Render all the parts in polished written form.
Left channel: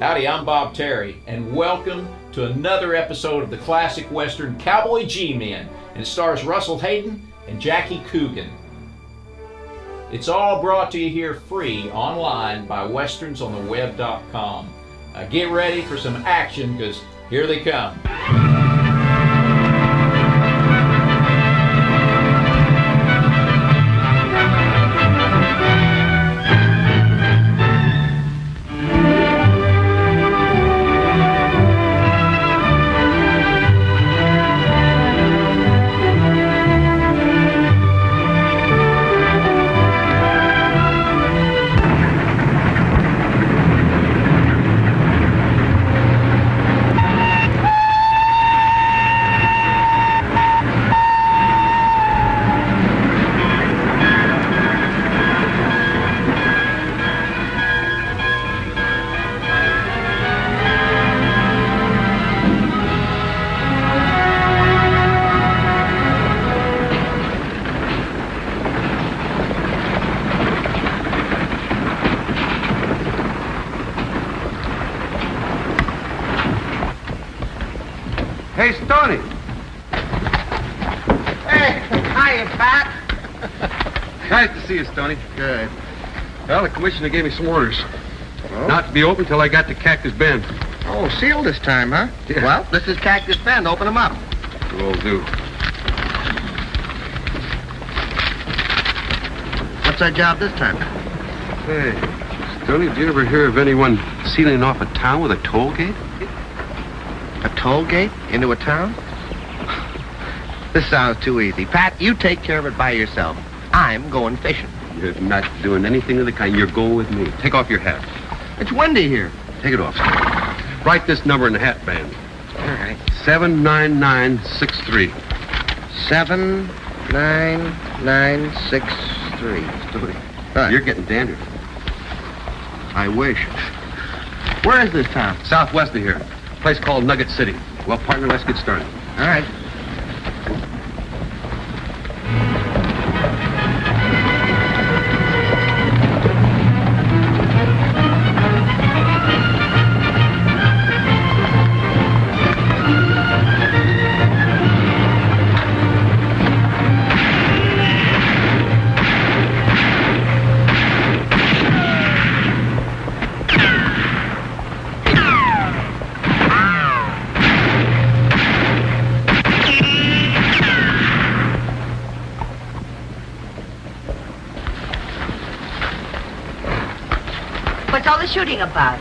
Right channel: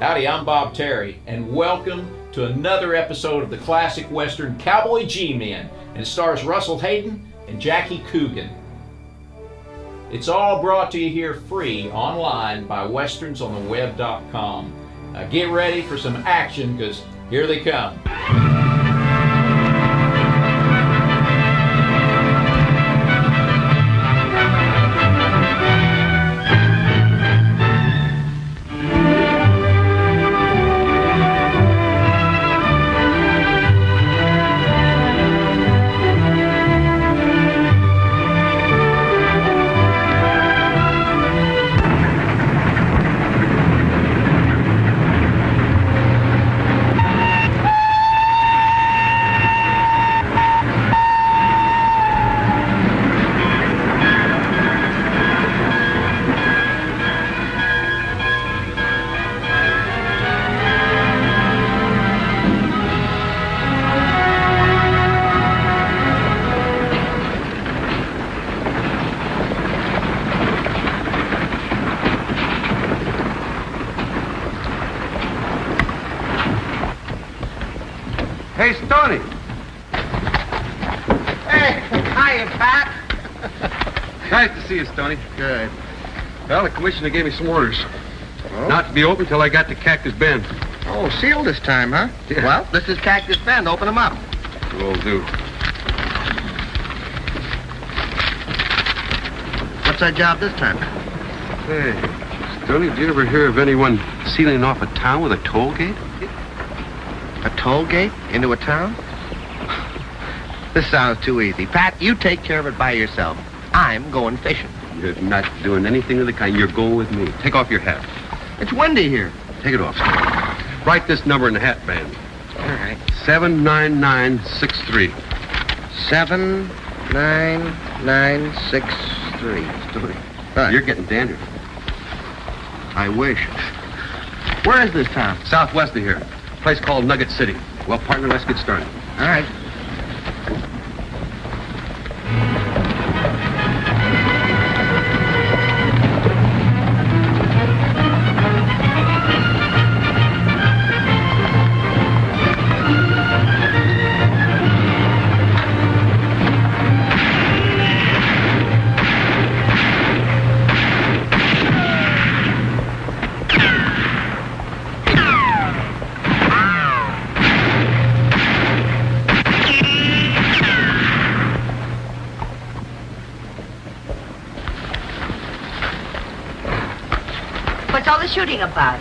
Howdy, I'm Bob Terry, and welcome to another episode of the classic Western Cowboy G-Men, and it stars Russell Hayden and Jackie Coogan. It's all brought to you here free online by westernsontheweb.com. Get ready for some action, because here they come. Hey, Stoney. Hey, hi, Pat. Nice to see you, Stoney. Good. Well, the commissioner gave me some orders. Not to be open till I got to Cactus Bend. Oh, sealed this time, huh? Yeah. Well, this is Cactus Bend. Open them up. Will do. What's our job this time? Hey, Stoney, did you ever hear of anyone sealing off a town with a toll gate? A toll gate into a town? This sounds too easy. Pat, you take care of it by yourself. I'm going fishing. You're not doing anything of the kind. You're going with me. Take off your hat. It's windy here. Take it off. Write this number in the hat band. All right. 79963. 79963. Stoney, Huh. you're getting dandruff. I wish. Where is this town? Southwest of here. A place called Nugget City. Well, partner, let's get started. All right. What's all the shooting about?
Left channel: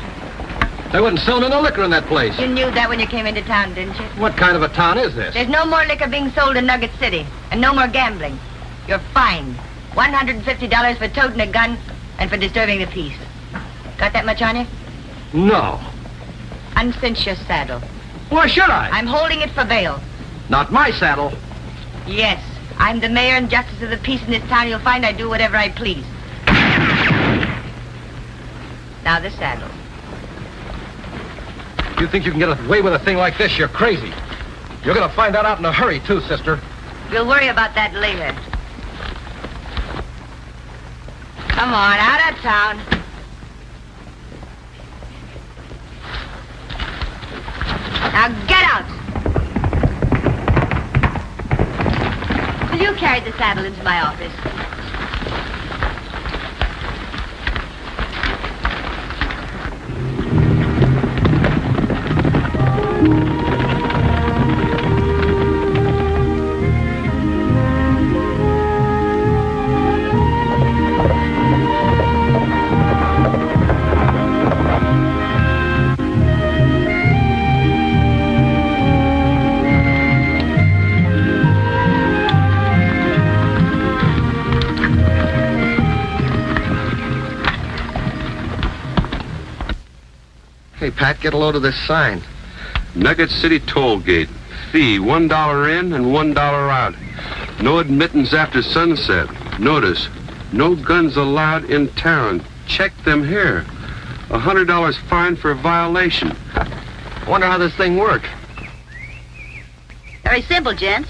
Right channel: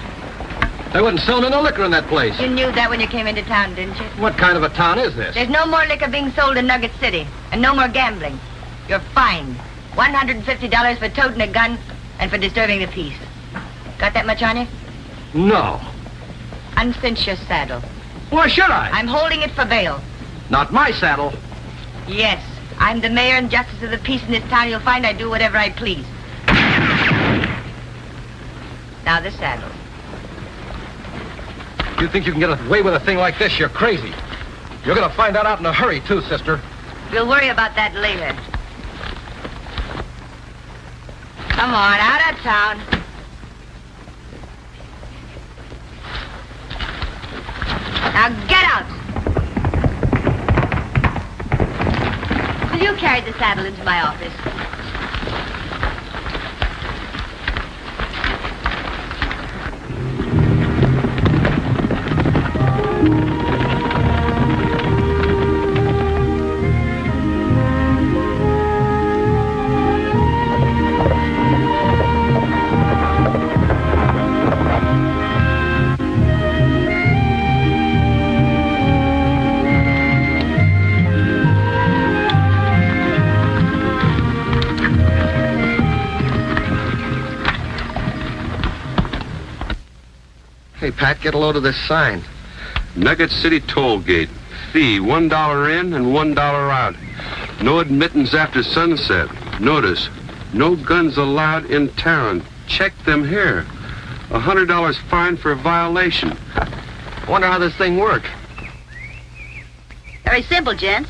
They wouldn't sell me no liquor in that place. You knew that when you came into town, didn't you? What kind of a town is this? There's no more liquor being sold in Nugget City, and no more gambling. You're fined. $150 for toting a gun and for disturbing the peace. Got that much on you? No. Uncinch your saddle. Why should I? I'm holding it for bail. Not my saddle. Yes, I'm the mayor and justice of the peace in this town. You'll find I do whatever I please. Now the saddle. You think you can get away with a thing like this? You're crazy. You're going to find that out in a hurry, too, sister. We'll worry about that later. Come on, out of town. Now get out. Will you carry the saddle into my office? Hey, Pat, get a load of this sign. Nugget City toll gate. Fee, $1 in and $1 out. No admittance after sunset. Notice, no guns allowed in town. Check them here. $100 fine for a violation. Wonder how this thing works. Very simple, gents.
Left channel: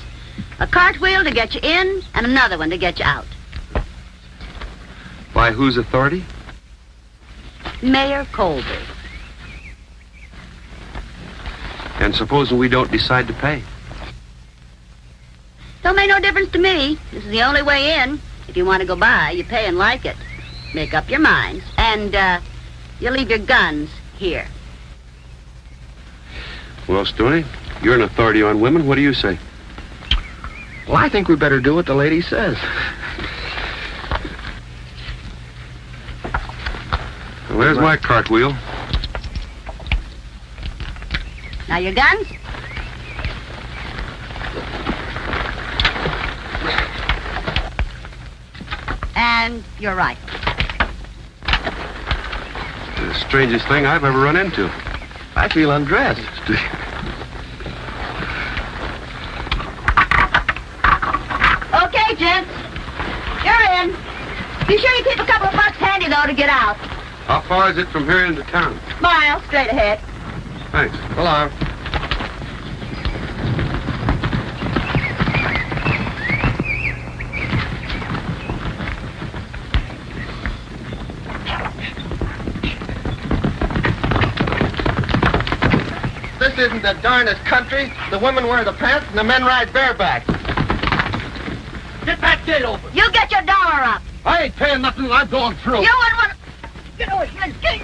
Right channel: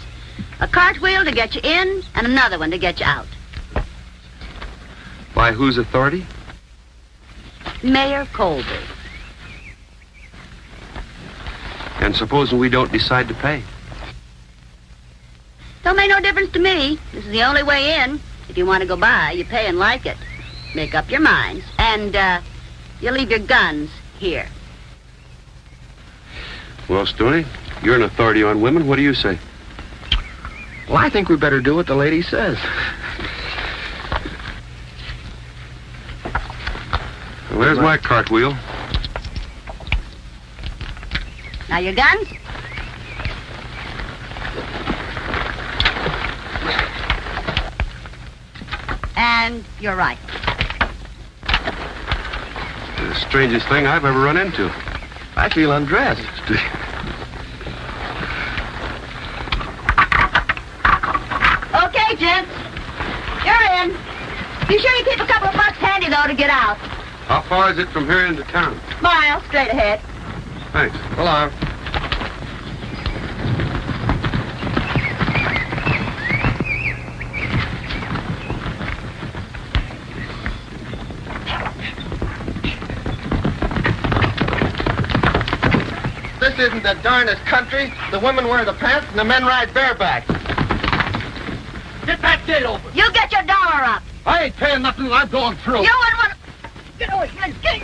A cartwheel to get you in and another one to get you out. By whose authority? Mayor Colby. And supposing we don't decide to pay? Don't make no difference to me. This is the only way in. If you want to go by, you pay and like it. Make up your minds. And, you leave your guns here. Well, Stoney, you're an authority on women. What do you say? Well, I think we better do what the lady says. Well, there's my cartwheel. Now your guns? And you're right. The strangest thing I've ever run into. I feel undressed. Okay, gents. You're in. Be sure you keep a couple of bucks handy, though, to get out. How far is it from here into town? Mile, straight ahead. Thanks. Hello. This isn't the darnest country. The women wear the pants and the men ride bareback. Get that gate open. You get your dollar up. I ain't paying nothing. I'm going through. You wouldn't want to... Get over here. Get...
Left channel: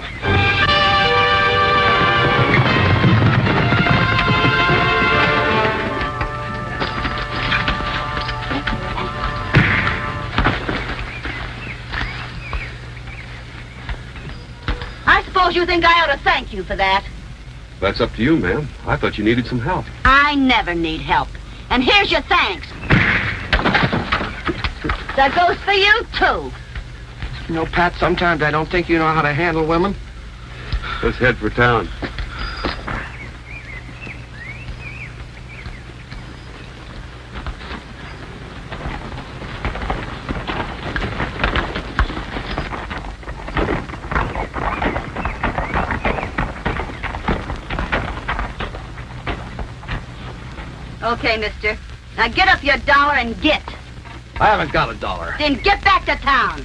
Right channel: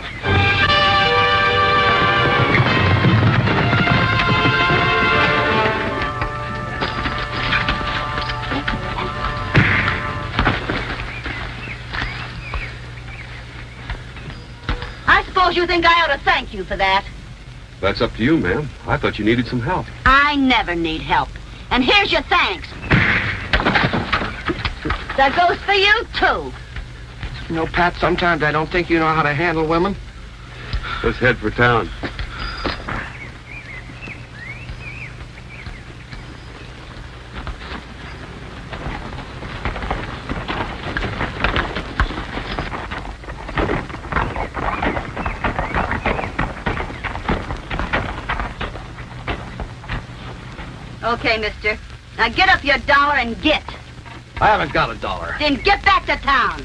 I suppose you think I ought to thank you for that. That's up to you, ma'am. I thought you needed some help. I never need help. And here's your thanks. That goes for you, too. You know, Pat, sometimes I don't think you know how to handle women. Let's head for town. Okay, mister. Now get up your dollar and get. I haven't got a dollar. Then get back to town.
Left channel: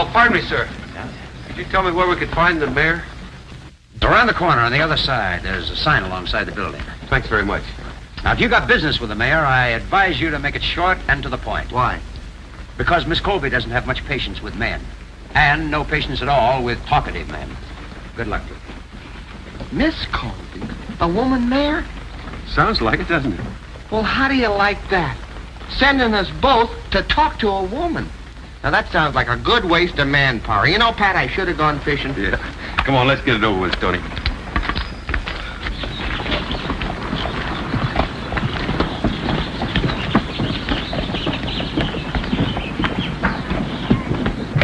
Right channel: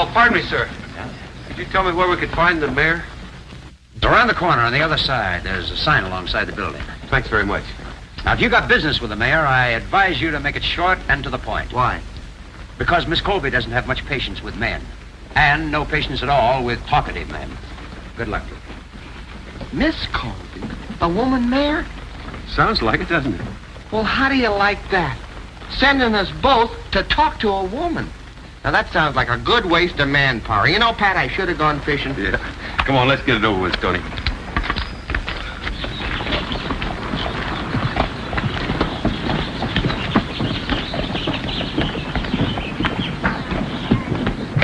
Oh, pardon me, sir. Could you tell me where we could find the mayor? It's around the corner on the other side. There's a sign alongside the building. Thanks very much. Now, if you got business with the mayor, I advise you to make it short and to the point. Why? Because Miss Colby doesn't have much patience with men. And no patience at all with talkative men. Good luck. Miss Colby? A woman mayor? Sounds like it, doesn't it? Well, how do you like that? Sending us both to talk to a woman. Now, that sounds like a good waste of manpower. You know, Pat, I should have gone fishing. Yeah. Come on, let's get it over with, Stoney.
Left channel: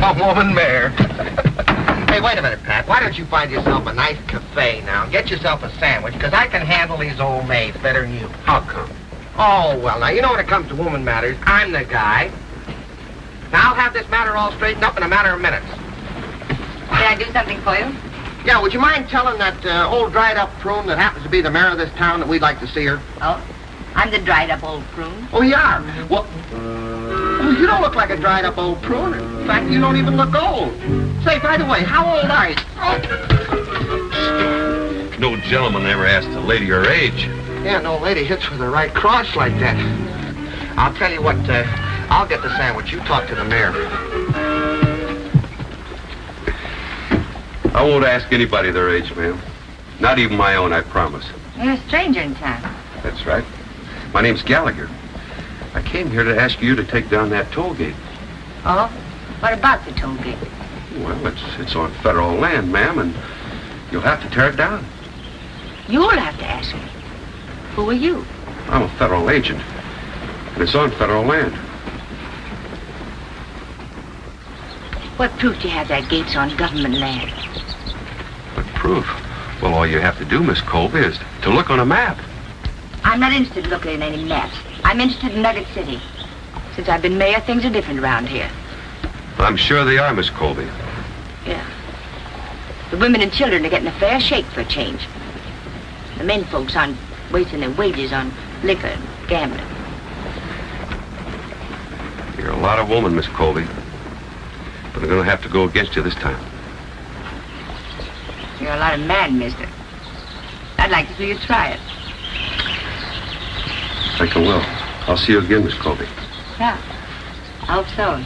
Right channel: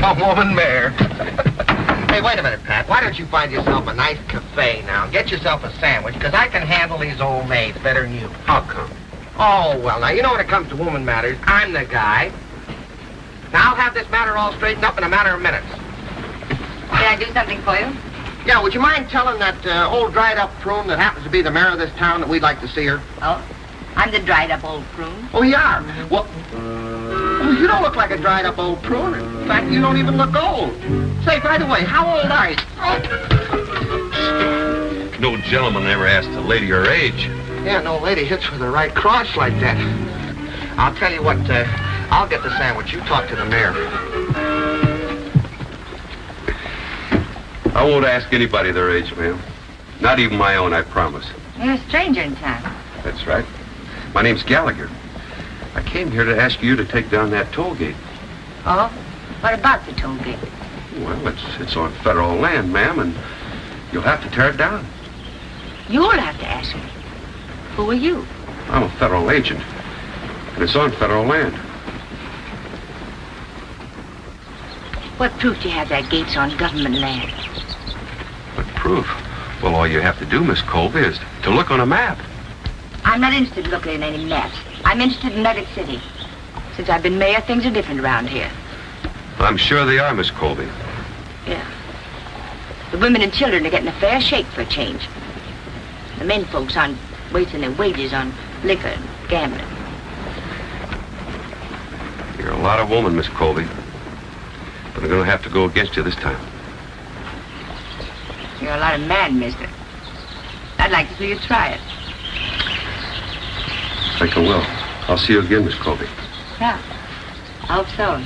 A woman mayor. Hey, wait a minute, Pat. Why don't you find yourself a nice cafe now? Get yourself a sandwich, because I can handle these old maids better than you. How come? Oh, well, now, you know when it comes to woman matters, I'm the guy. Now, I'll have this matter all straightened up in a matter of minutes. Can I do something for you? Yeah, would you mind telling that old dried-up prune that happens to be the mayor of this town that we'd like to see her? Oh? I'm the dried-up old prune. Oh, yeah? Well, you don't look like a dried-up old prune. In fact, you don't even look old. Say, by the way, how old are you? No gentleman ever asked a lady her age. Yeah, no lady hits with the right cross like that. I'll tell you what, I'll get the sandwich. You talk to the mayor. I won't ask anybody their age, ma'am. Not even my own, I promise. You're a stranger in town. That's right. My name's Gallagher. I came here to ask you to take down that toll gate. Oh? What about the toll gate? Well, it's on federal land, ma'am, and you'll have to tear it down. You'll have to ask me. Who are you? I'm a federal agent, and it's on federal land. What proof do you have that gate's on government land? What proof? Well, all you have to do, Miss Colby, is to look on a map. I'm not interested in looking at any maps. I'm interested in Nugget City. Since I've been mayor, things are different around here. Well, I'm sure they are, Miss Colby. Yeah. The women and children are getting a fair shake for a change. The men folks aren't wasting their wages on liquor and gambling. You're a lot of woman, Miss Colby. But I'm going to have to go against you this time. You're a lot of man, mister. I'd like to see you try it. I think I will. I'll see you again, Miss Colby. Yeah. I hope so.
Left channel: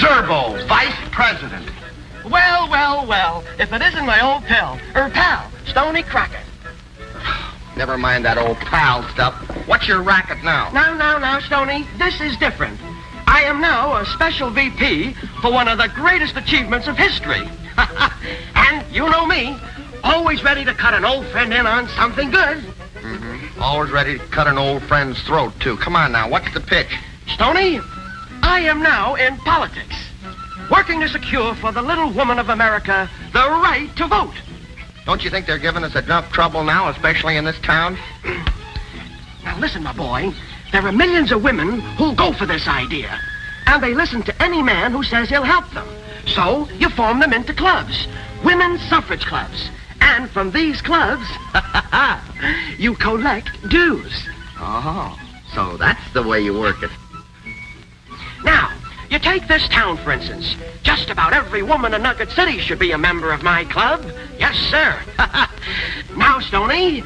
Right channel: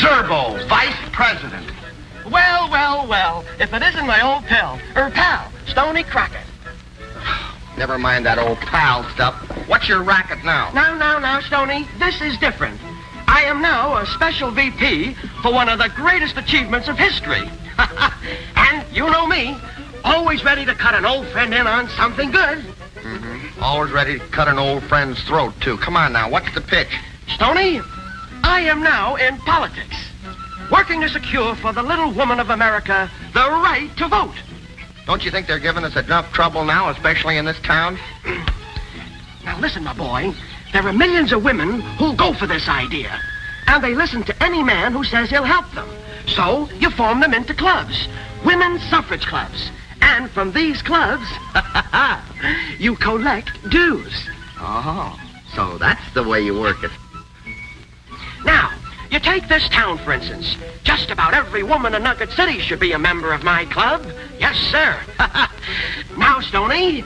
Zerbo, vice president. Well, well, well. If it isn't my old pal, Stony Crockett. Never mind that old pal stuff. What's your racket now? Now, Stony, this is different. I am now a special VP for one of the greatest achievements of history. And you know me, always ready to cut an old friend in on something good. Always ready to cut an old friend's throat, too. Come on now, what's the pitch? Stony, I am now in politics, working to secure for the little woman of America the right to vote. Don't you think they're giving us enough trouble now, especially in this town? Now listen, my boy, there are millions of women who'll go for this idea, and they listen to any man who says he'll help them. So you form them into clubs, women's suffrage clubs. And from these clubs, you collect dues. Oh, so that's the way you work it. Now, you take this town, for instance. Just about every woman in Nugget City should be a member of my club. Yes, sir. Now, Stony,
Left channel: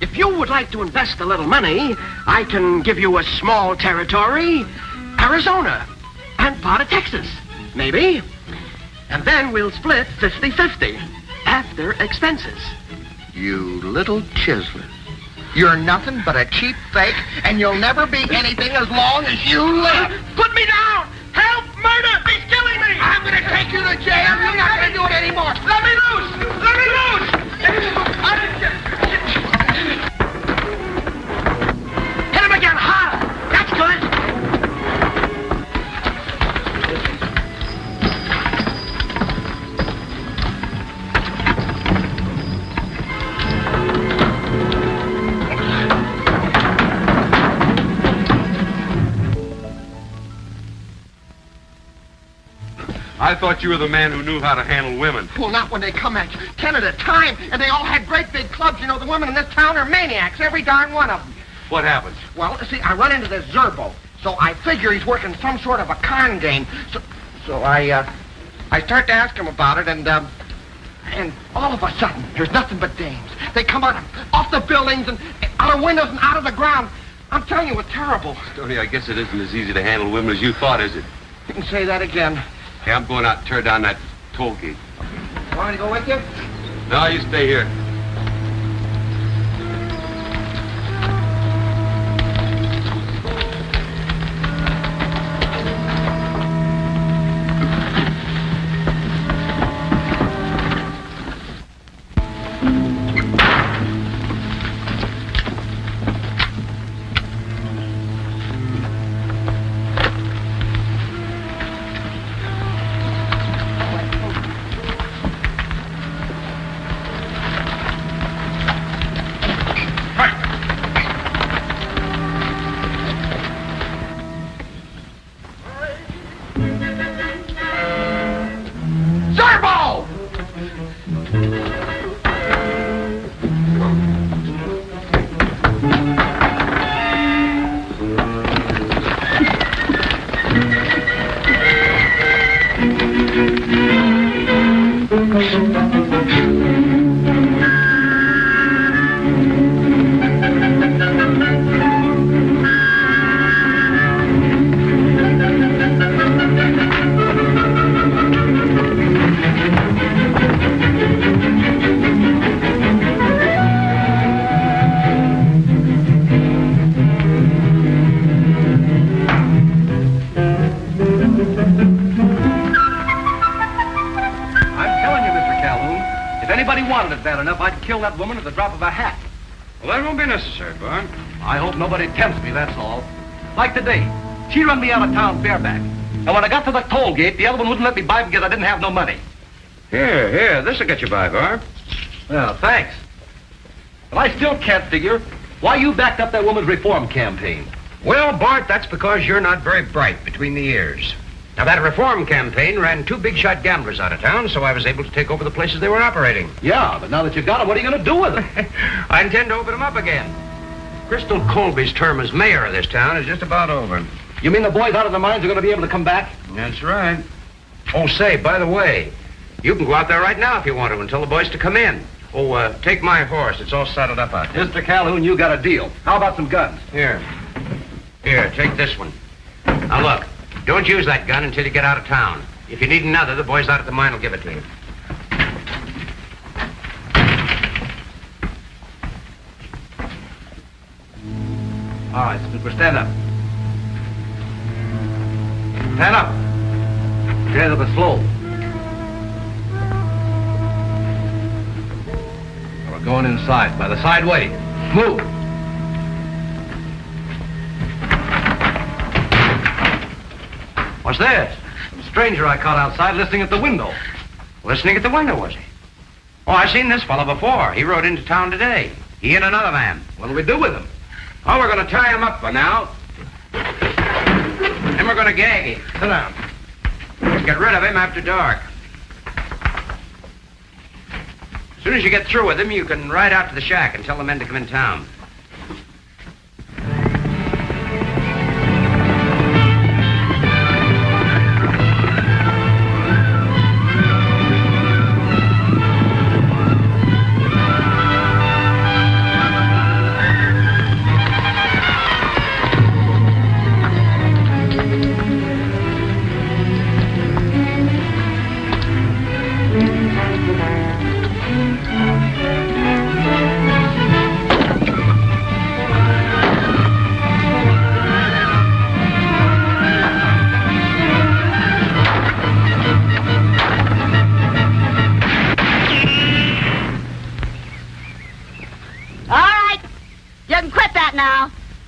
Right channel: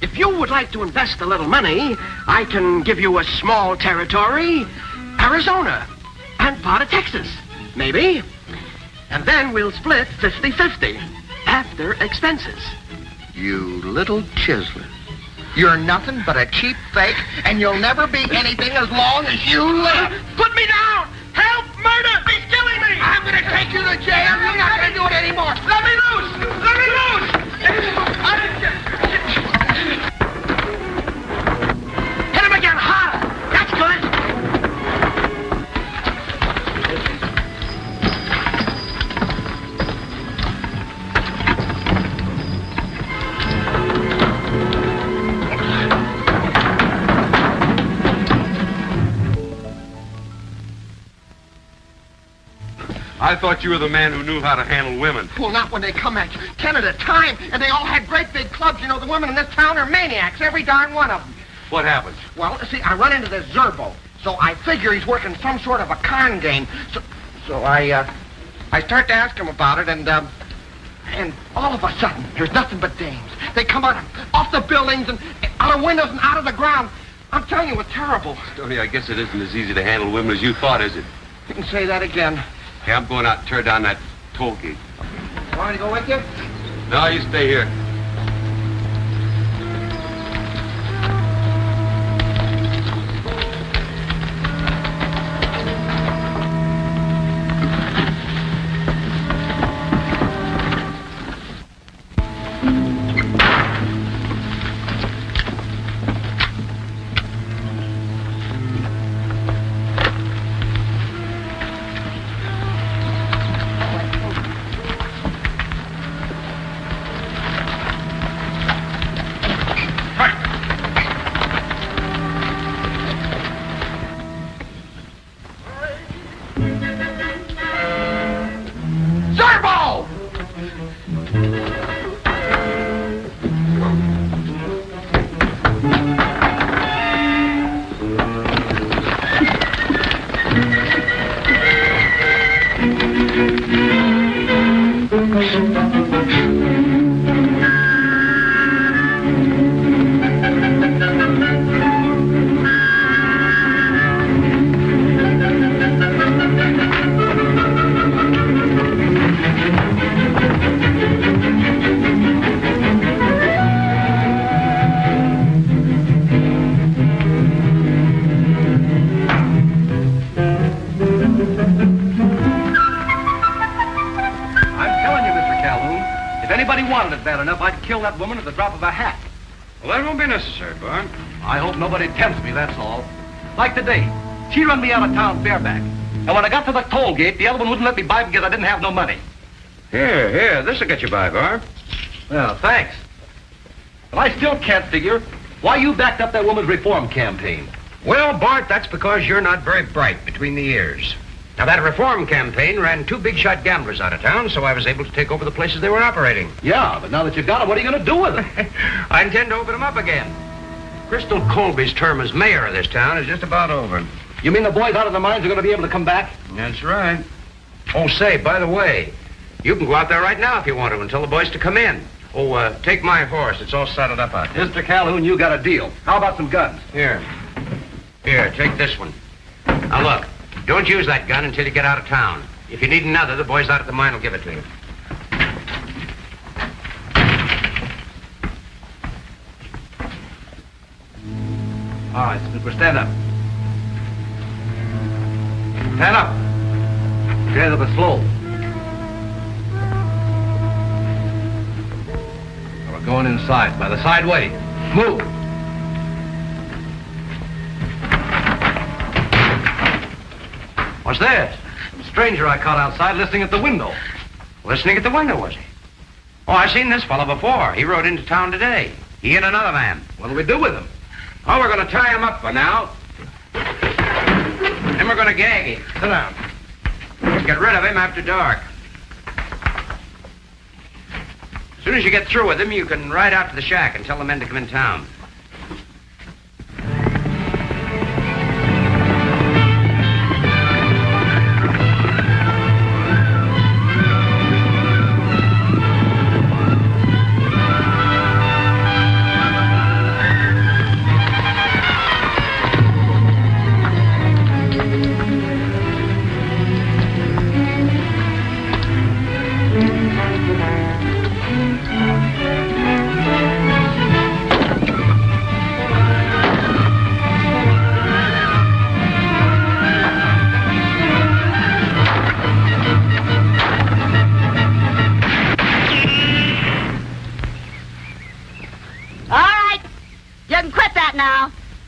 if you would like to invest a little money, I can give you a small territory, Arizona, and part of Texas, maybe. And then we'll split 50-50 after expenses. You little chiseler. You're nothing but a cheap fake, and you'll never be anything as long as you live. Put me down! Help! Murder! He's killing me! I'm going to take you to jail. I'm not going to do it anymore. Let me loose! Let me loose! Hit him again, harder! That's good! I thought you were the man who knew how to handle women. Well, not when they come at you. 10 at a time, and they all had great big clubs. You know, the women in this town are maniacs, every darn one of them. What happened? Well, see, I run into this Zerbo, so I figure he's working some sort of a con game. So I start to ask him about it, and all of a sudden, there's nothing but dames. They come out off the buildings and out of windows and out of the ground. I'm telling you, it's terrible. Tony, I guess it isn't as easy to handle women as you thought, is it? You can say that again. Hey, I'm going out and tear down that toll gate. You want me to go with you? No, you stay here. Zerbo! bad enough, I could kill that woman at the drop of a hat. Well, that won't be necessary, Bart. I hope nobody tempts me, that's all. Like today, she run me out of town bareback. And when I got to the toll gate, the other one wouldn't let me buy because I didn't have no money. Here, this'll get you by, Bart. Well, thanks. But I still can't figure why you backed up that woman's reform campaign. Well, Bart, that's because you're not very bright between the ears. Now, that reform campaign ran 2 big-shot gamblers out of town, so I was able to take over the places they were operating. Yeah, but now that you got them, what are you going to do with them? I intend to open them up again. Crystal Colby's term as mayor of this town is just about over. You mean the boys out of the mines are going to be able to come back? That's right. Oh, say, by the way, you can go out there right now if you want to and tell the boys to come in. Oh, take my horse. It's all saddled up out there. Mr. Calhoun, you got a deal. How about some guns? Here, take this one. Now, look, don't use that gun until you get out of town. If you need another, the boys out at the mine will give it to you. All right, Skipper, stand up. Stand up. Stand up slow. We're going inside, by the side way. Move. What's this? Some stranger I caught outside listening at the window. Listening at the window, was he? Oh, I seen this fellow before. He rode into town today. He hit another man. What'll we do with him? Oh, we're going to tie him up for now. Then we're going to gag him. Sit down. We'll get rid of him after dark. As soon as you get through with him, you can ride out to the shack and tell the men to come in town.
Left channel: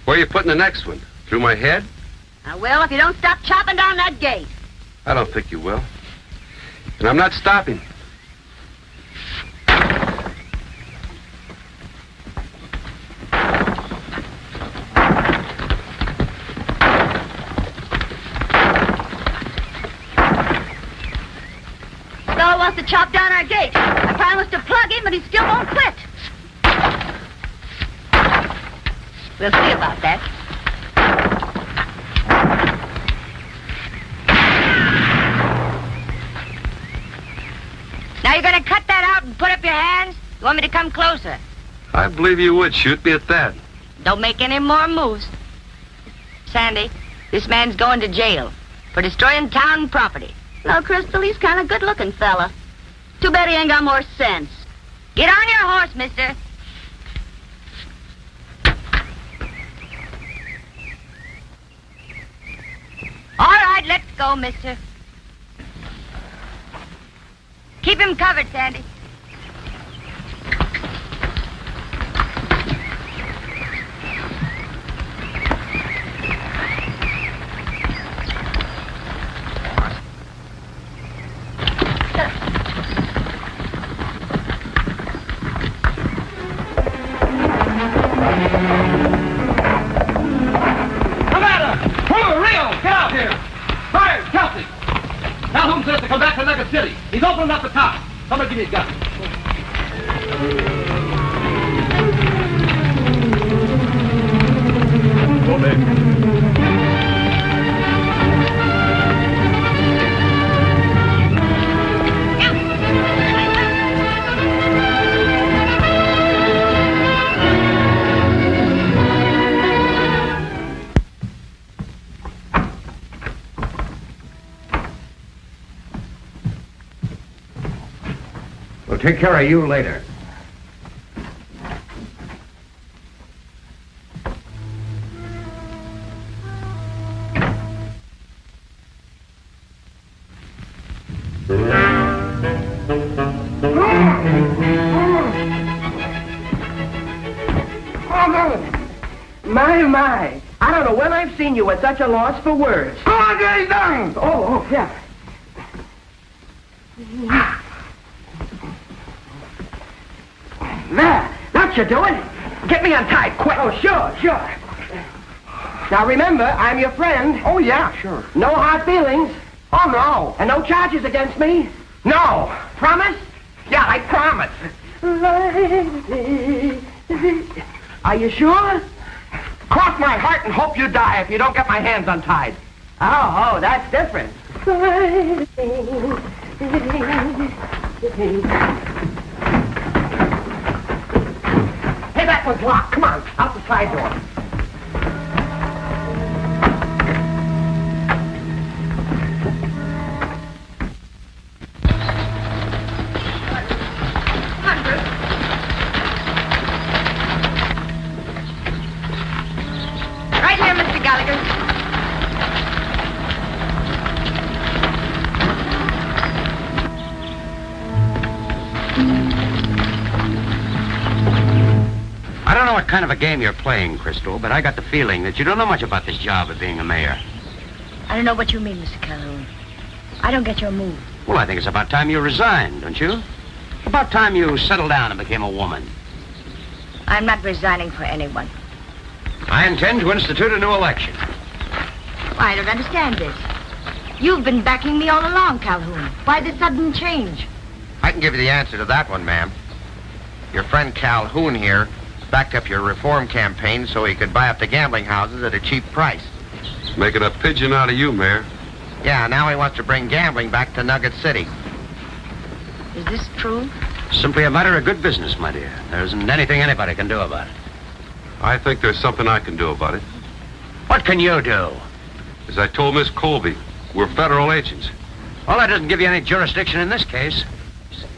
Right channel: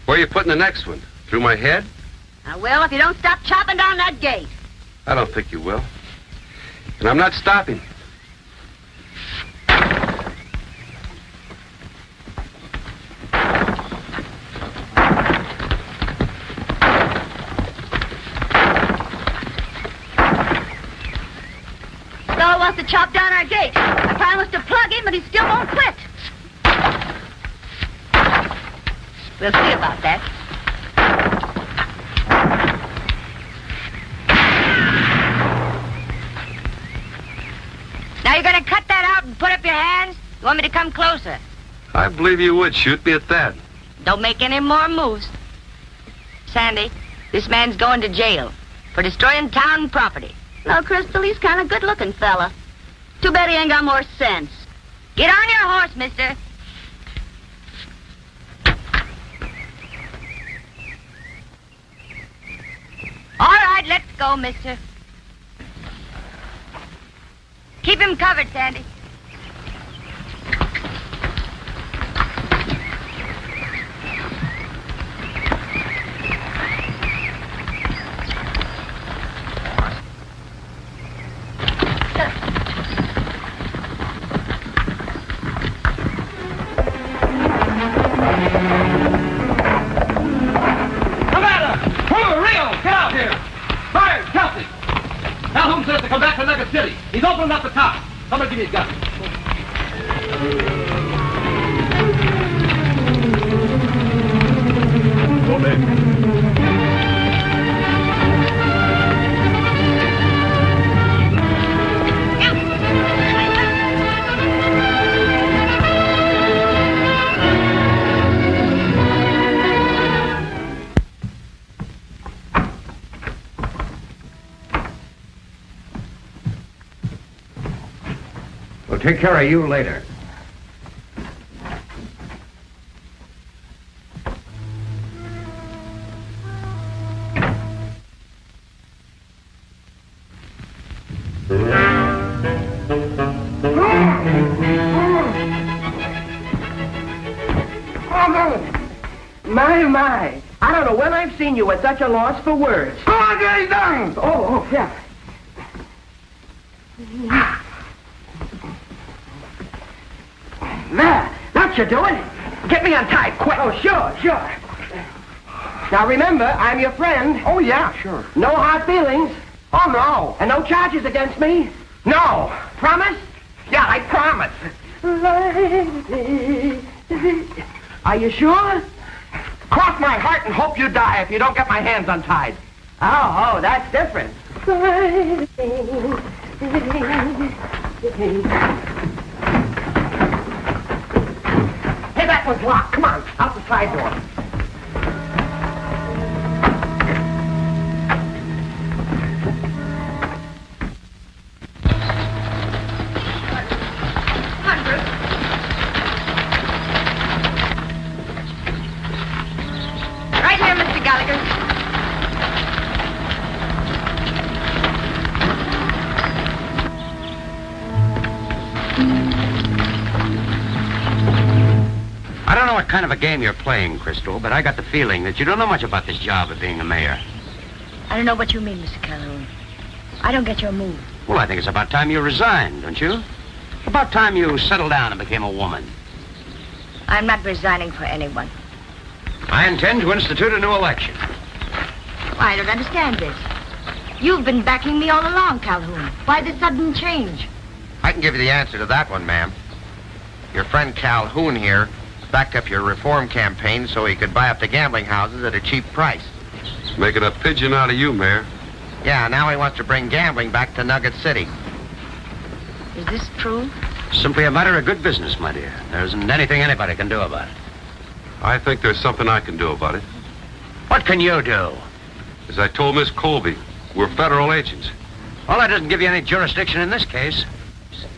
Where are you putting the next one? Through my head? I will if you don't stop chopping down that gate. I don't think you will. And I'm not stopping. Bill wants to chop down our gate. I promised to plug him, but he still won't quit. We'll see about that. Now you're going to cut that out and put up your hands? You want me to come closer? I believe you would shoot me at that. Don't make any more moves. Sandy, this man's going to jail for destroying town property. Well, Crystal, he's kind of good-looking fella. Too bad he ain't got more sense. Get on your horse, mister. All right, let's go, mister. Keep him covered, Sandy. City. He's opening up the top. Somebody give me a gun. We'll take care of you later. My. I don't know when I've seen you at such a loss for words. Oh, get it done! Oh, yeah. There. That's you doing it. Get me untied, quick. Oh, sure. Now, remember, I'm your friend. Oh, yeah, sure. No hard feelings. Oh, no. And no charges against me? No. Promise? Yeah, I promise. Are you sure? Cross my heart and hope you die if you don't get my hands untied. Oh, that's different. Hey, that was locked. Come on, out the side door. Right here, Mr. Gallagher. I don't know what kind of a game you're playing, Crystal, but I got the feeling that you don't know much about this job of being a mayor. I don't know what you mean, Mr. Calhoun. I don't get your move. Well, I think it's about time you resigned, don't you? About time you settled down and became a woman. I'm not resigning for anyone. I intend to institute a new election. I don't understand this. You've been backing me all along, Calhoun. Why the sudden change? I can give you the answer to that one, ma'am. Your friend Calhoun here backed up your reform campaign so he could buy up the gambling houses at a cheap price. Making a pigeon out of you, Mayor. Yeah, now he wants to bring gambling back to Nugget City. Is this true? Simply a matter of good business, my dear. There isn't anything anybody can do about it. I think there's something I can do about it. What can you do? As I told Miss Colby, we're federal agents. Well, that doesn't give you any jurisdiction in this case.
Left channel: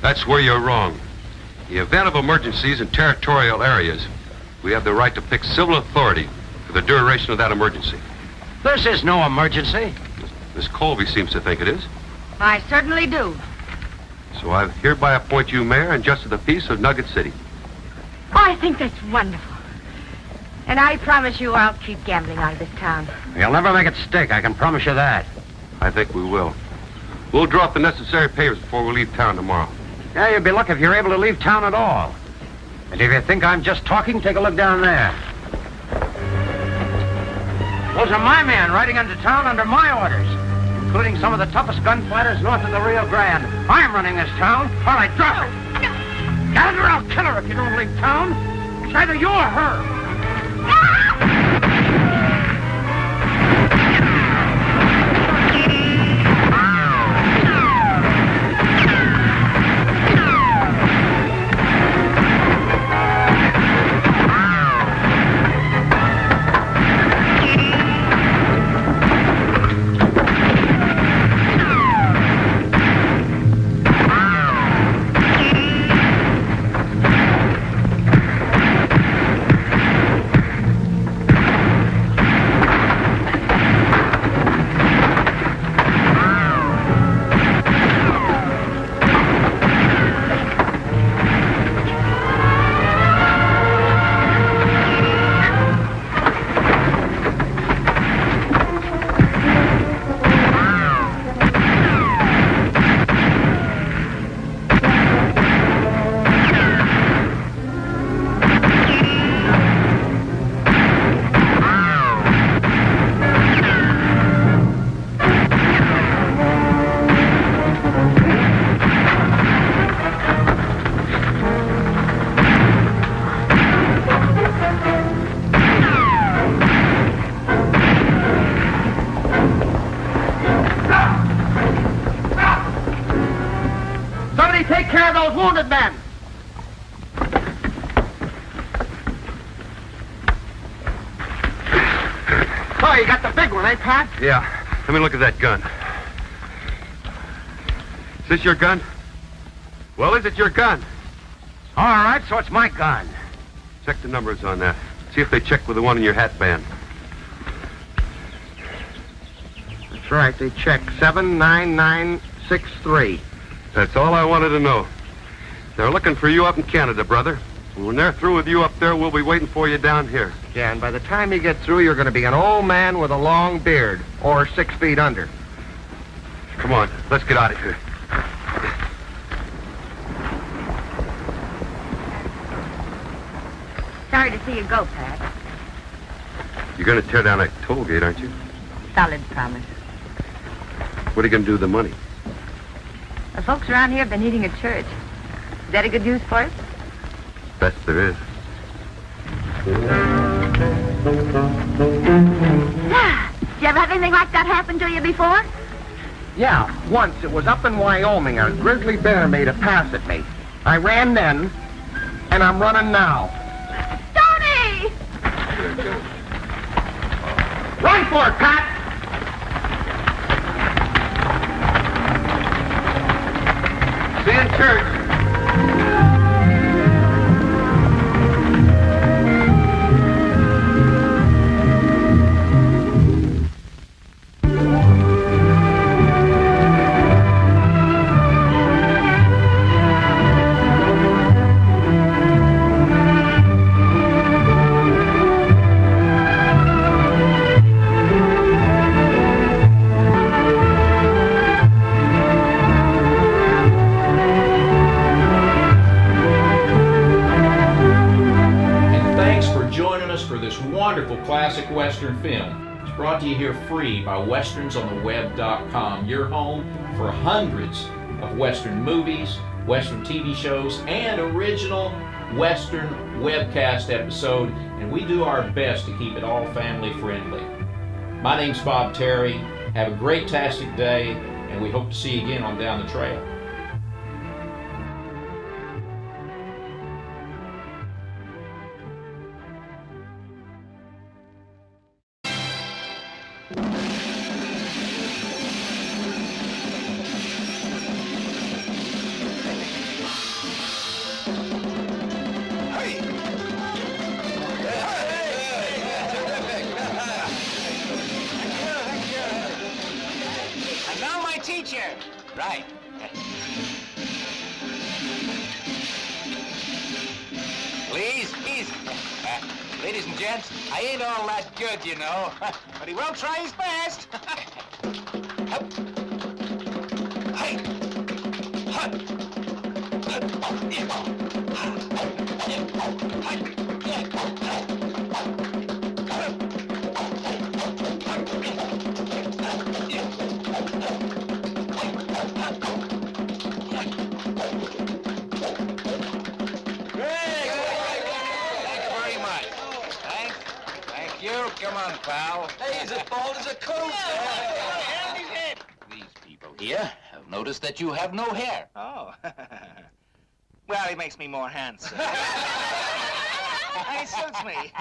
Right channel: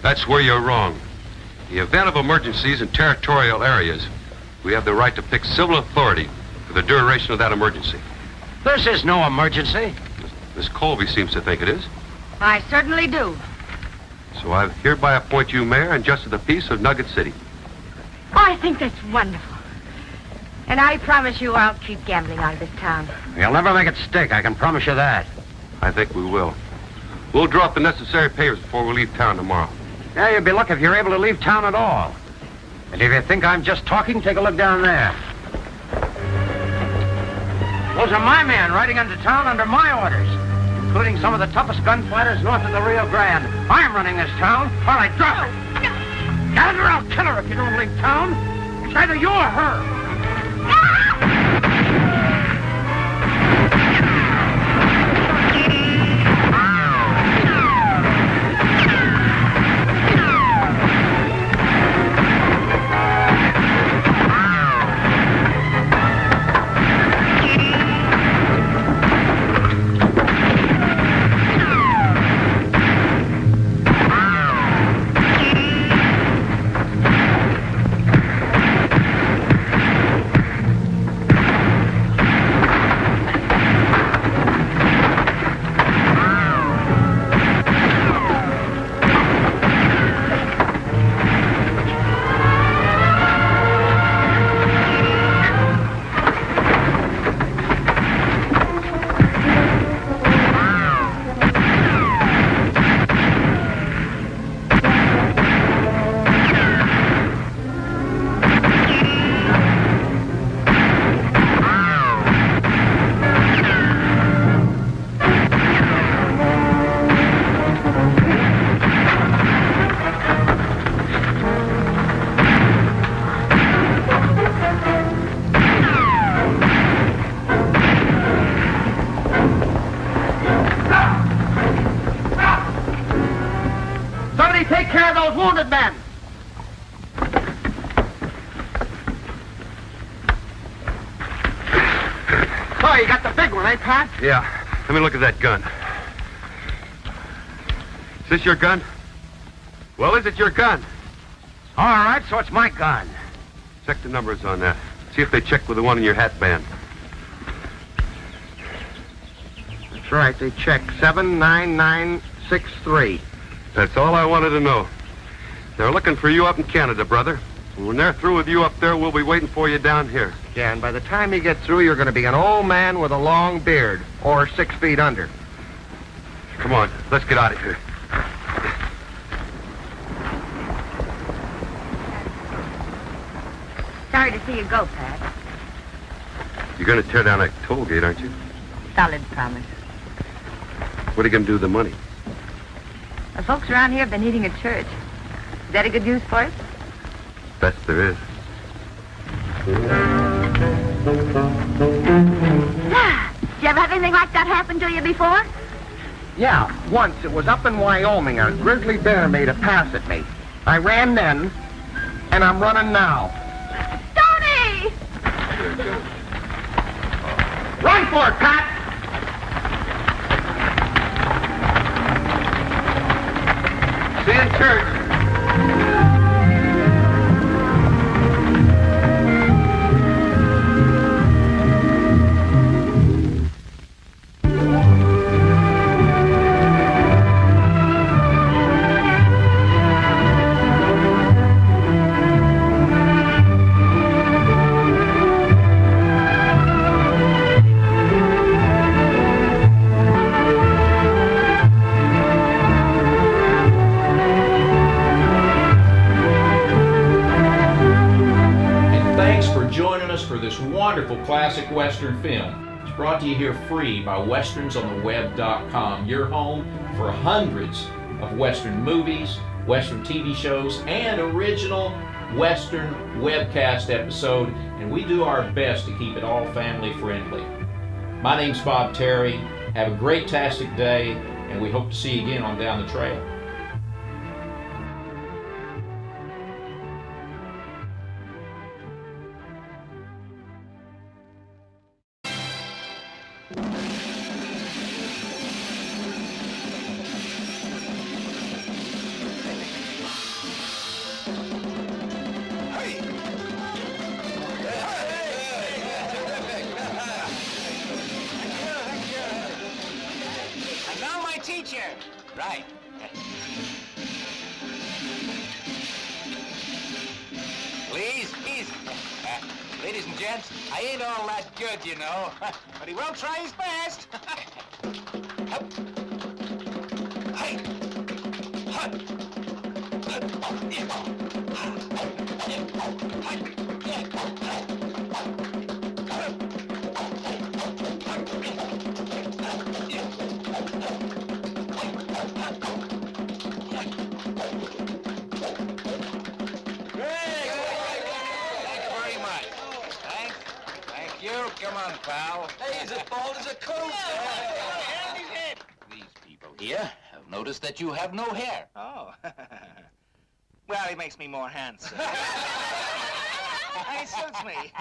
That's where you're wrong. In the event of emergencies in territorial areas, we have the right to pick civil authority for the duration of that emergency. This is no emergency. Miss Colby seems to think it is. I certainly do. So I hereby appoint you mayor and justice of the peace of Nugget City. I think that's wonderful. And I promise you I'll keep gambling out of this town. You'll never make it stick, I can promise you that. I think we will. We'll drop the necessary papers before we leave town tomorrow. Yeah, you'd be lucky if you're able to leave town at all. And if you think I'm just talking, take a look down there. Those are my men riding into town under my orders, including some of the toughest gunfighters north of the Rio Grande. I'm running this town. All right, drop it. Gallagher, I'll kill her if you don't leave town. It's either you or her. Somebody take care of those wounded men. Oh, you got the big one, eh, Pat? Yeah. Let me look at that gun. Is this your gun? Well, is it your gun? All right, so it's my gun. Check the numbers on that. See if they check with the one in your hat band. That's right, they checked 79963. That's all I wanted to know. They're looking for you up in Canada, brother. When they're through with you up there, we'll be waiting for you down here. Yeah, and by the time you get through, you're going to be an old man with a long beard, or 6 feet under. Come on, let's get out of here. Sorry to see you go, Pat. You're going to tear down that toll gate, aren't you? Solid promise. What are you going to do with the money? The folks around here have been eating at church. Is that a good news for us? Best there is. Do you ever have anything like that happen to you before? Yeah, once. It was up in Wyoming. A grizzly bear made a pass at me. I ran then, and I'm running now. Tony! Run for it, Pat! See you in church. Thanks for joining us for this wonderful classic Western film. It's brought to you here free by westernsontheweb.com, your home for hundreds of Western movies, Western TV shows, and original Western webcast episode, and we do our best to keep it all family friendly. My name's Bob Terry. Have a great-tastic day, and we hope to see you again on Down the Trail. And now my teacher. Right. Please. Ladies and gents, I ain't all that good, you know. But he will try his best. Hup. Hey. Hup. Come on, pal. Hey, he's as bald as a coot. These people here have noticed that you have no hair. Oh. Well, he makes me more handsome. He suits me.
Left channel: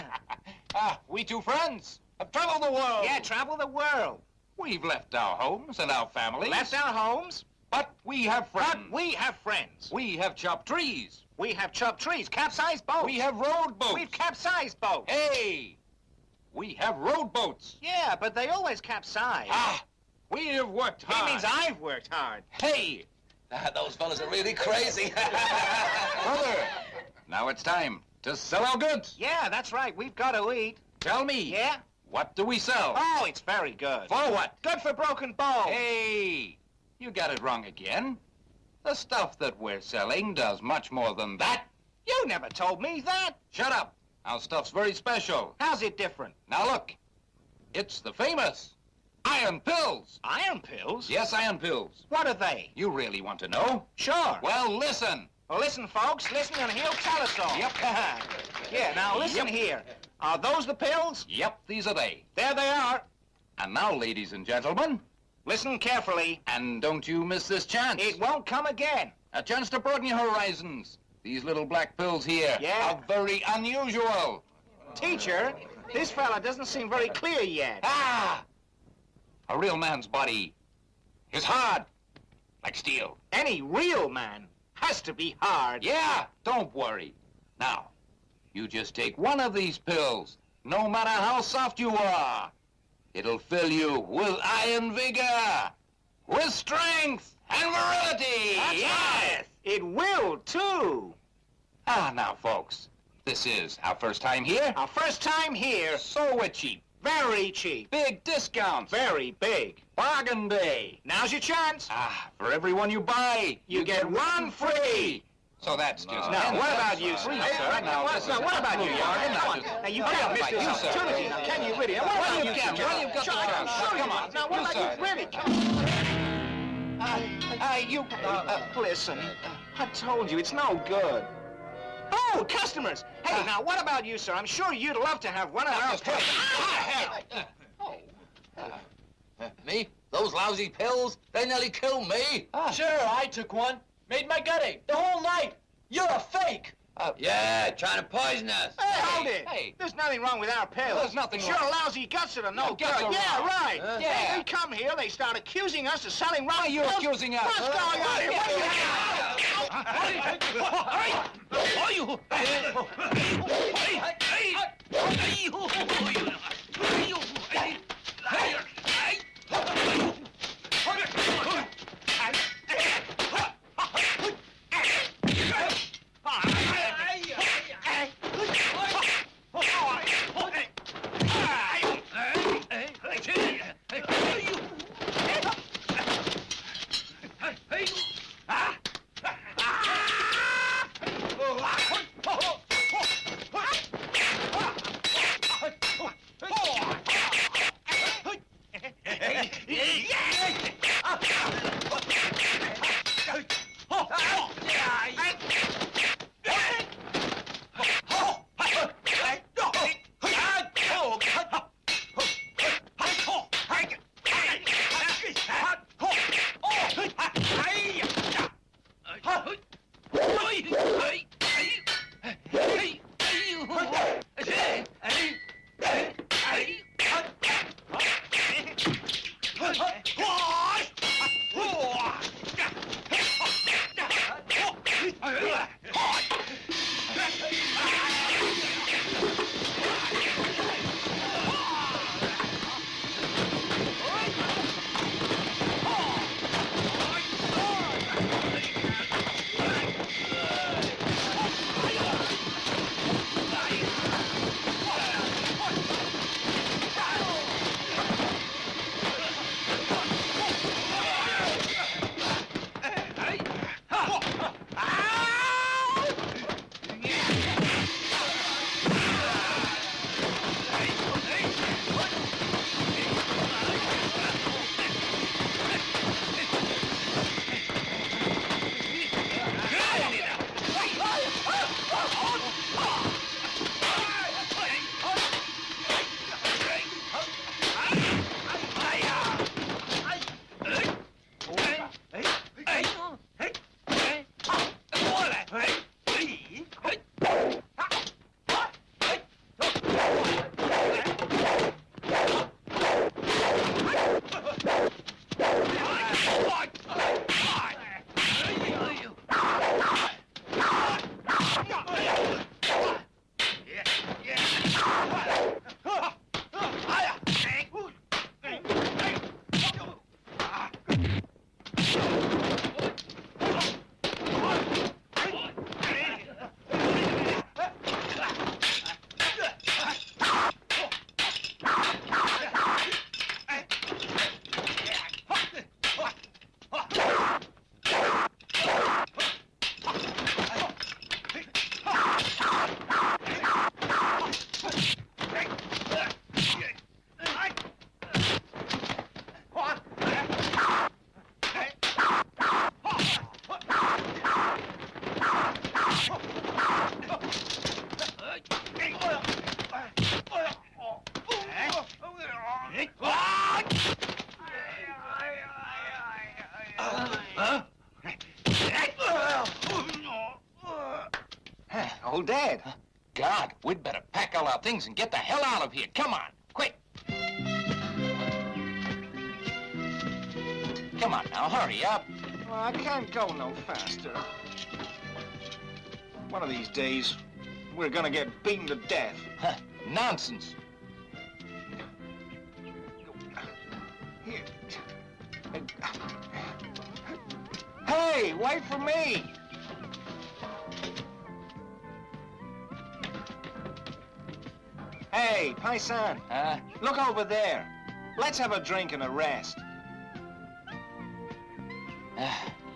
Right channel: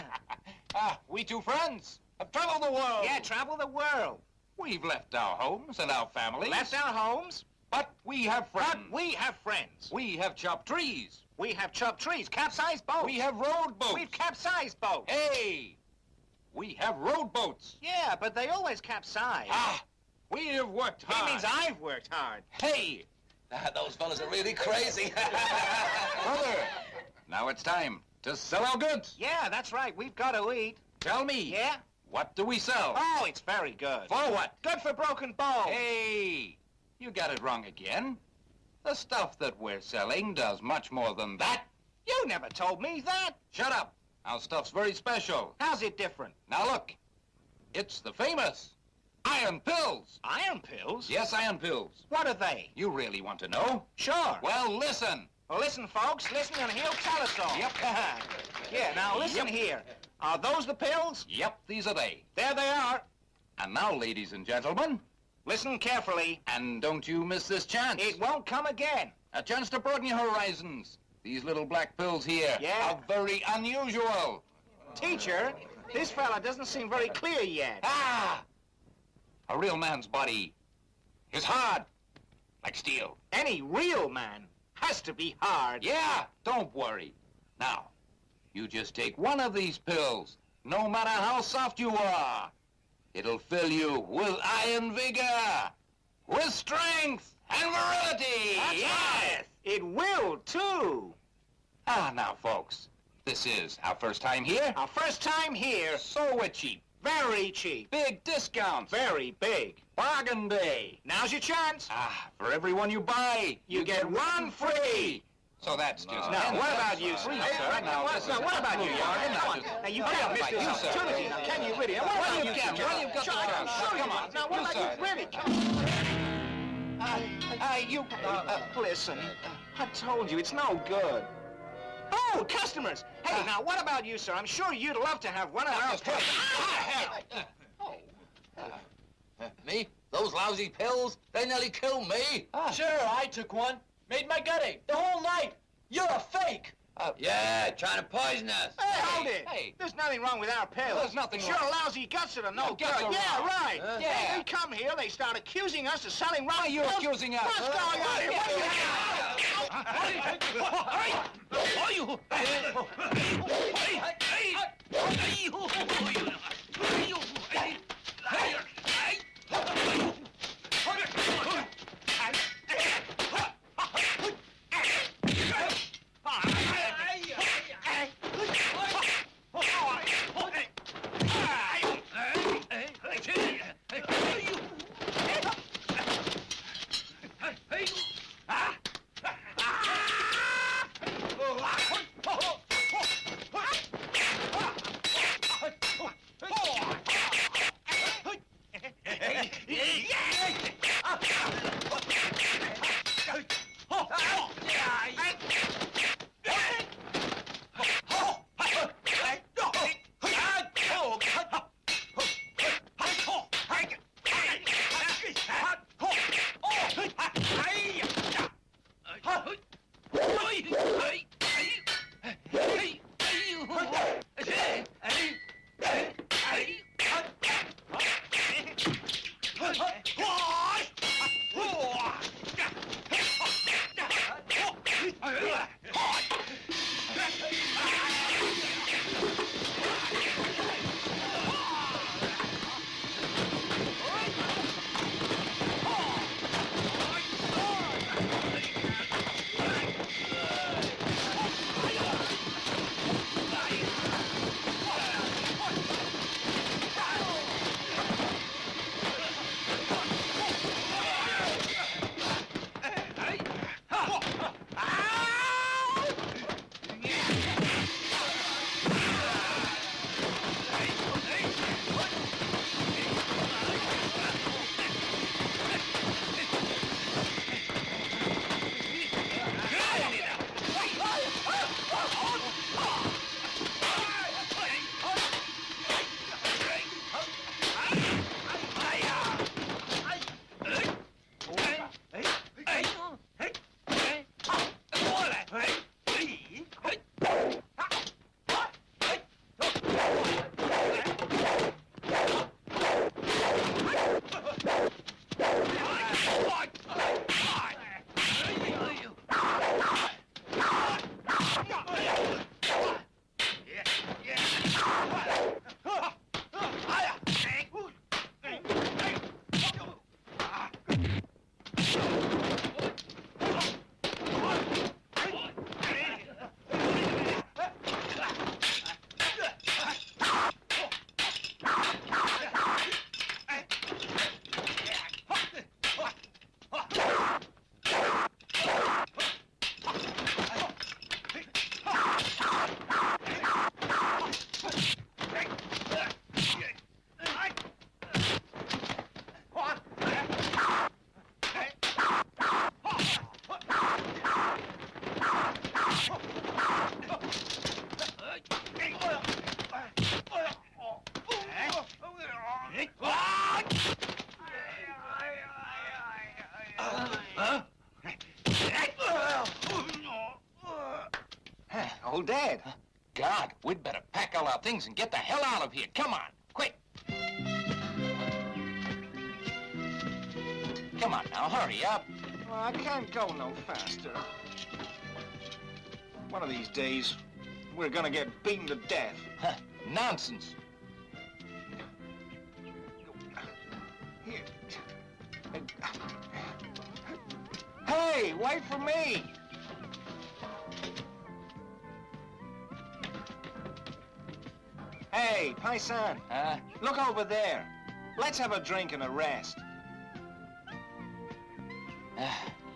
We two friends have traveled the world. Yeah, travel the world. We've left our homes and our families. Left our homes, But we have friends. but we have friends. We have chopped trees. We have chopped trees, capsized boats. We have rowed boats. We've capsized boats. Hey! We have rowed boats. Yeah, but they always capsize. We have worked hard. He means I've worked hard. Hey! Those fellas are really crazy. Brother, now it's time to sell our goods. Yeah, that's right. We've got to eat. Tell me. Yeah? What do we sell? Oh, it's very good. For what? Good for broken bones. Hey! You got it wrong again. The stuff that we're selling does much more than that. You never told me that. Shut up. Our stuff's very special. How's it different? Now look. It's the famous iron pills. Iron pills? Yes, iron pills. What are they? You really want to know? Sure. Well, listen. Well, listen, folks. Listen, and he'll tell us all. Yep. Yeah, now listen Yep. here. Are those the pills? Yep, these are they. There they are. And now, ladies and gentlemen, Listen carefully. and don't you miss this chance. It won't come again. A chance to broaden your horizons. These little black pills here Yeah. are very unusual. Teacher, this fella doesn't seem very clear yet. A real man's body is hard, like steel. Any real man has to be hard. Yeah, don't worry. Now, you just take one of these pills, no matter how soft you are. It'll fill you with iron vigor, with strength and virility. That's yes. right. It will, too. Now, folks, this is our first time here. Our first time here. So we're cheap. Very cheap. Big discounts. Very big. Bargain day. Now's your chance. For everyone you buy, You get one free. So that's just... Now, what about you, sir? Free, Hey, sir. now, what about you, Yarvin? Come on. Now, you can't miss this opportunity. Now, can you really? What about you, can? Well, you've got the chance. Come on. Now, what You, about sir. you, really? Listen, I told you, it's no good. Oh, customers! Hey, now, what about you, sir? I'm sure you'd love to have one of our Me? Those lousy pills? They nearly killed me. Sure, I took one. Made my gut ache the whole night. You're a fake. Yeah, trying to poison us. Hey, hold it! Hey. There's nothing wrong with our pills. There's nothing Sure, wrong. lousy guts that are no good. guts are Yeah, wrong. right. Yeah. They come here, they start accusing us of selling wrong Why are you pills. accusing us? What's going on here? Old Dad. God, we'd better pack all our things and get the hell out of here. Come on, quick. Come on now, hurry up. Well, I can't go no faster. One of these days, we're gonna get beaten to death. Nonsense. Here. Hey, wait for me! Hey, Paisan. Look over there. Let's have a drink and a rest.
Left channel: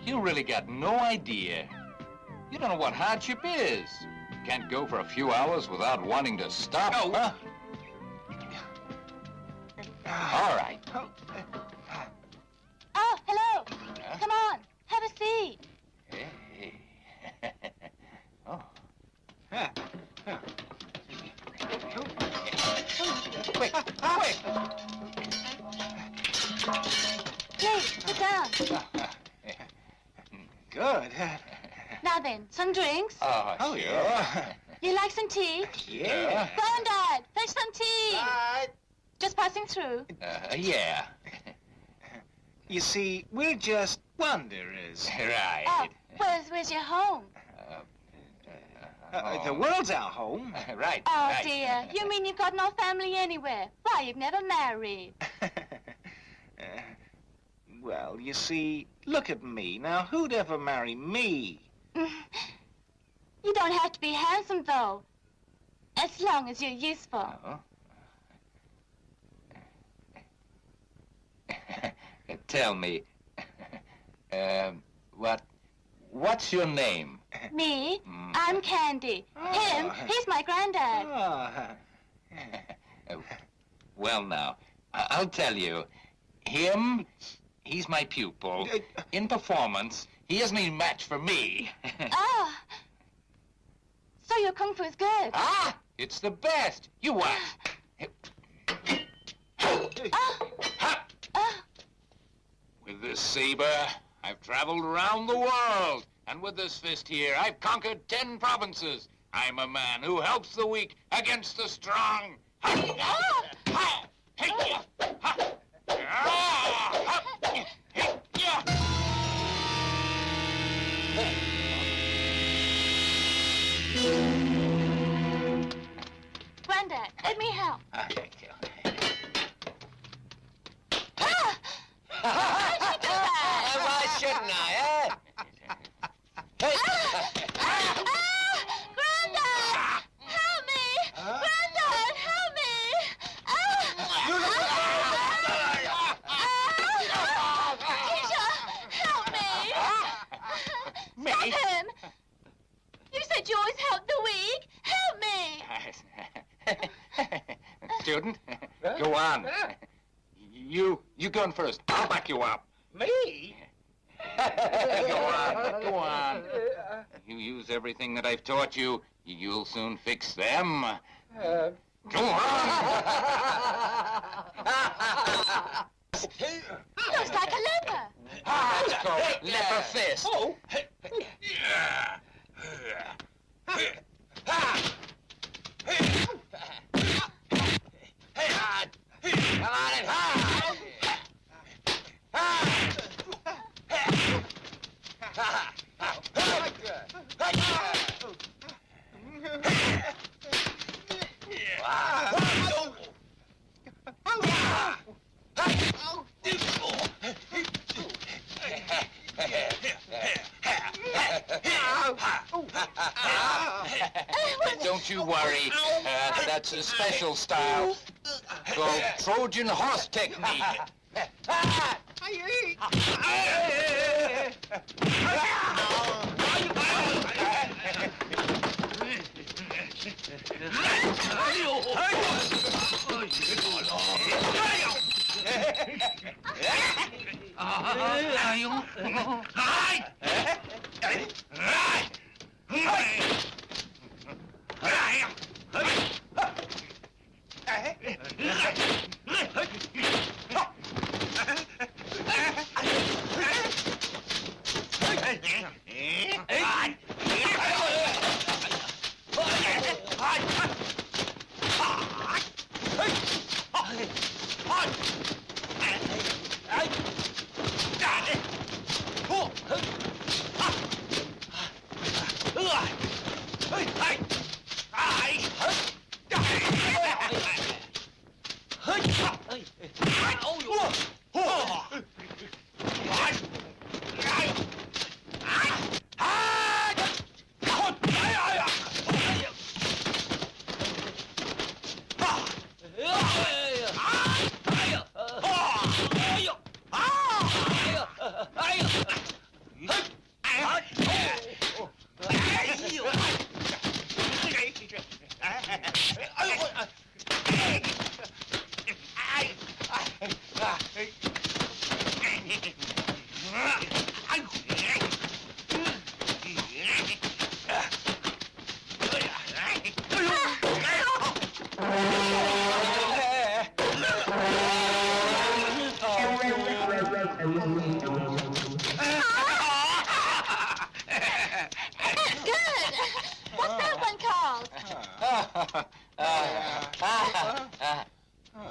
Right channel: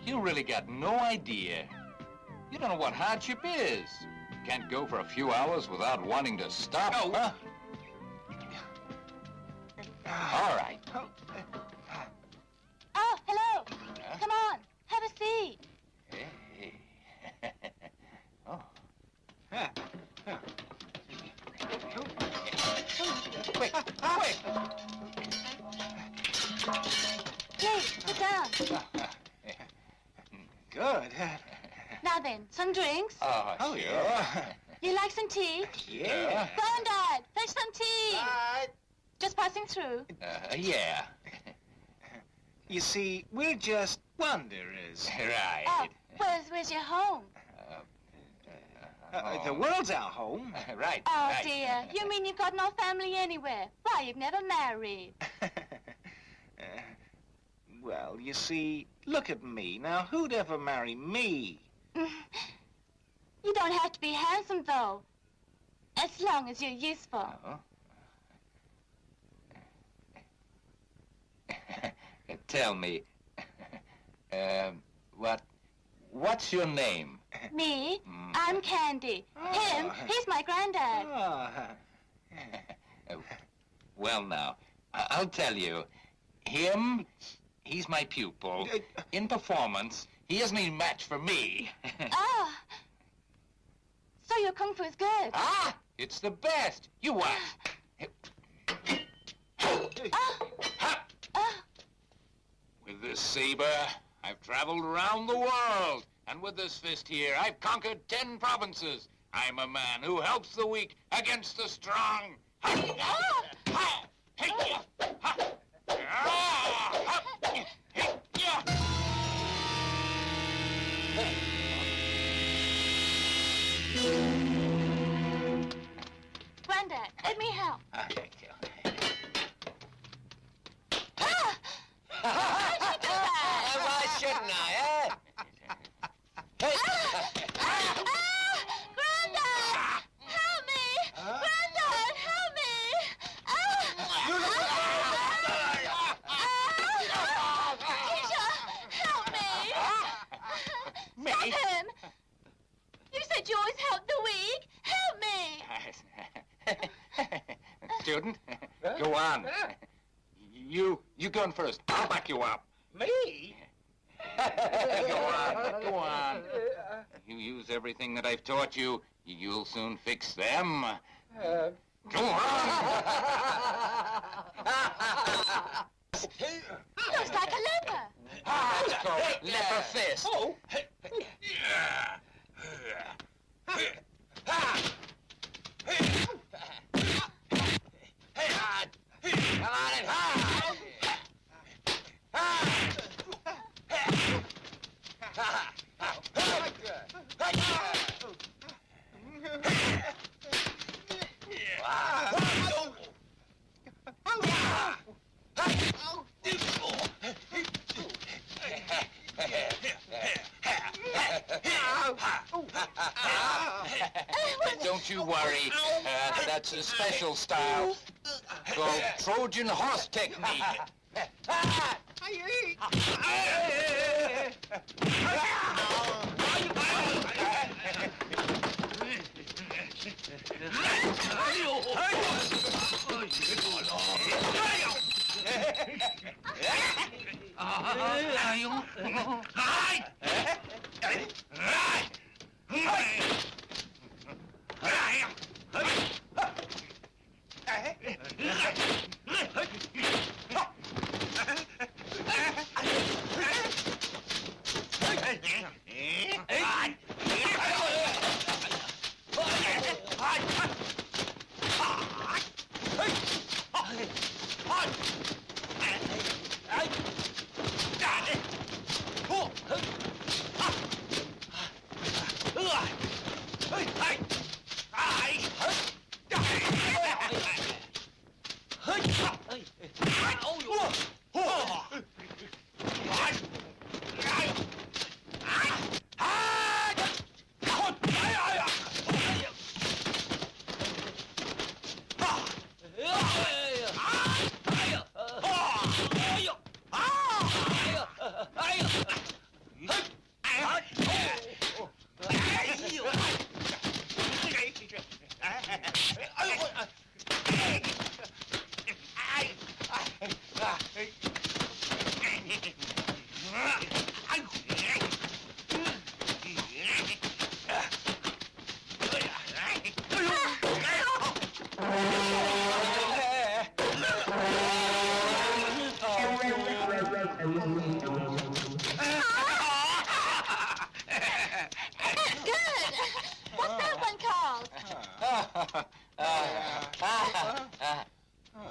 You really got no idea. You don't know what hardship is. Can't go for a few hours without wanting to stop, huh? All right. Oh, hello. Come on, have a seat. Hey. Oh. Quick. Please, sit down. Good. Now then, some drinks. Oh, sure. Yeah. You like some tea? Yeah. Go on, Dad. Fetch some tea. Right. Just passing through. Yeah. You see, we're just wanderers. Right. Oh, where's your home? The world's our home. Right. Oh, right. dear. You mean you've got no family anywhere? Why, you've never married. Well, you see, look at me. Now, who'd ever marry me? You don't have to be handsome, though. As long as you're useful. Oh. Tell me, what's your name? Me? I'm Candy. Him, he's my granddad. Well, now, I'll tell you. Him, he's my pupil. In performance, he isn't any match for me. Ah. So your kung fu's good. Ah! It's the best. You watch. With this saber, I've traveled around the world. And with this fist here, I've conquered 10 provinces. I'm a man who helps the weak against the strong. Granddad, let me help. Thank you. Why'd you do that? Why shouldn't I, eh? Granddad! Help me! Granddad, help me! Keisha, help me! Stop him! You said you always help the weak. Help me! Student, go on. You go on first. I'll back you up. Me? Go on. You use everything that I've taught you. You'll soon fix them. Go on. Looks like a leper. It's called leper fist. Oh. Come on and hide. Don't you worry. That's a special style called Trojan horse technique.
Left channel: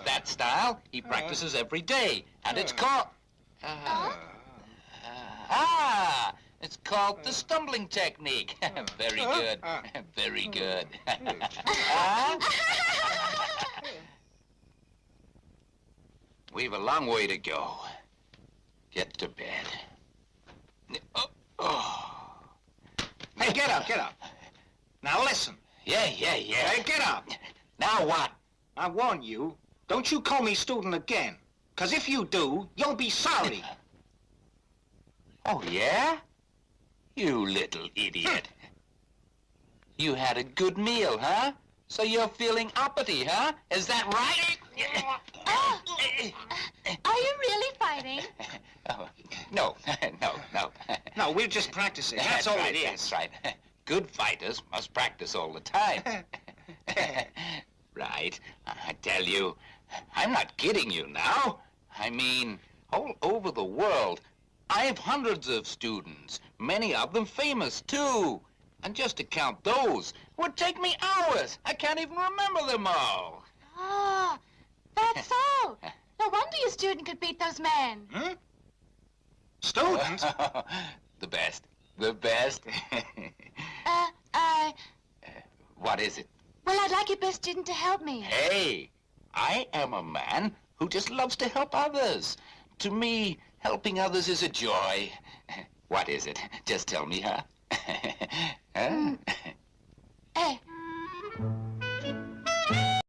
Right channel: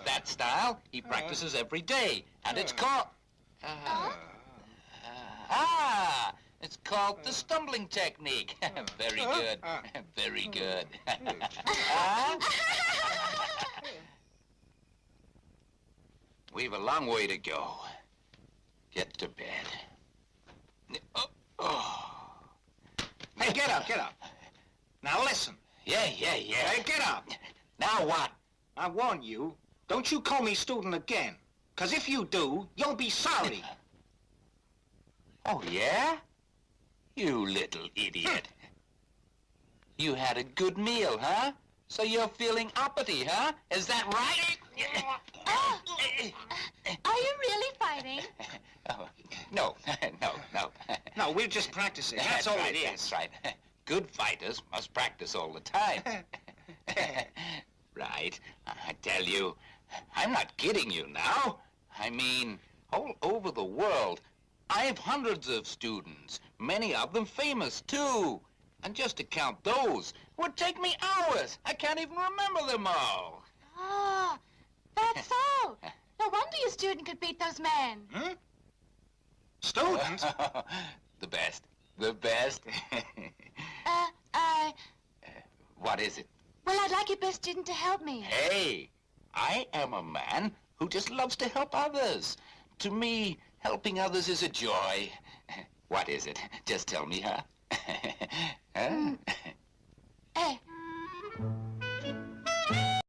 That style he practices every day, and it's called... it's called the stumbling technique. Very good. Very good. We've a long way to go. Get to bed. Hey, get up, get up. Now listen. Yeah. Hey, get up. Now what? I warn you, don't you call me student again. 'Cause if you do, you'll be sorry. Oh, yeah? You little idiot. You had a good meal, huh? So you're feeling uppity, huh? Is that right? Are you really fighting? Oh, no. No, we're just practicing. That's all right, it is. That's right. Good fighters must practice all the time. Right. I tell you, I'm not kidding you now. I mean, all over the world, I have hundreds of students, many of them famous, too. And just to count those would take me hours. I can't even remember them all. Oh, that's so. No wonder your student could beat those men. Hmm? Student? The best. What is it? Well, I'd like your best student to help me. Hey, I am a man who just loves to help others. To me, helping others is a joy. What is it? Just tell me, huh? Huh? Hey,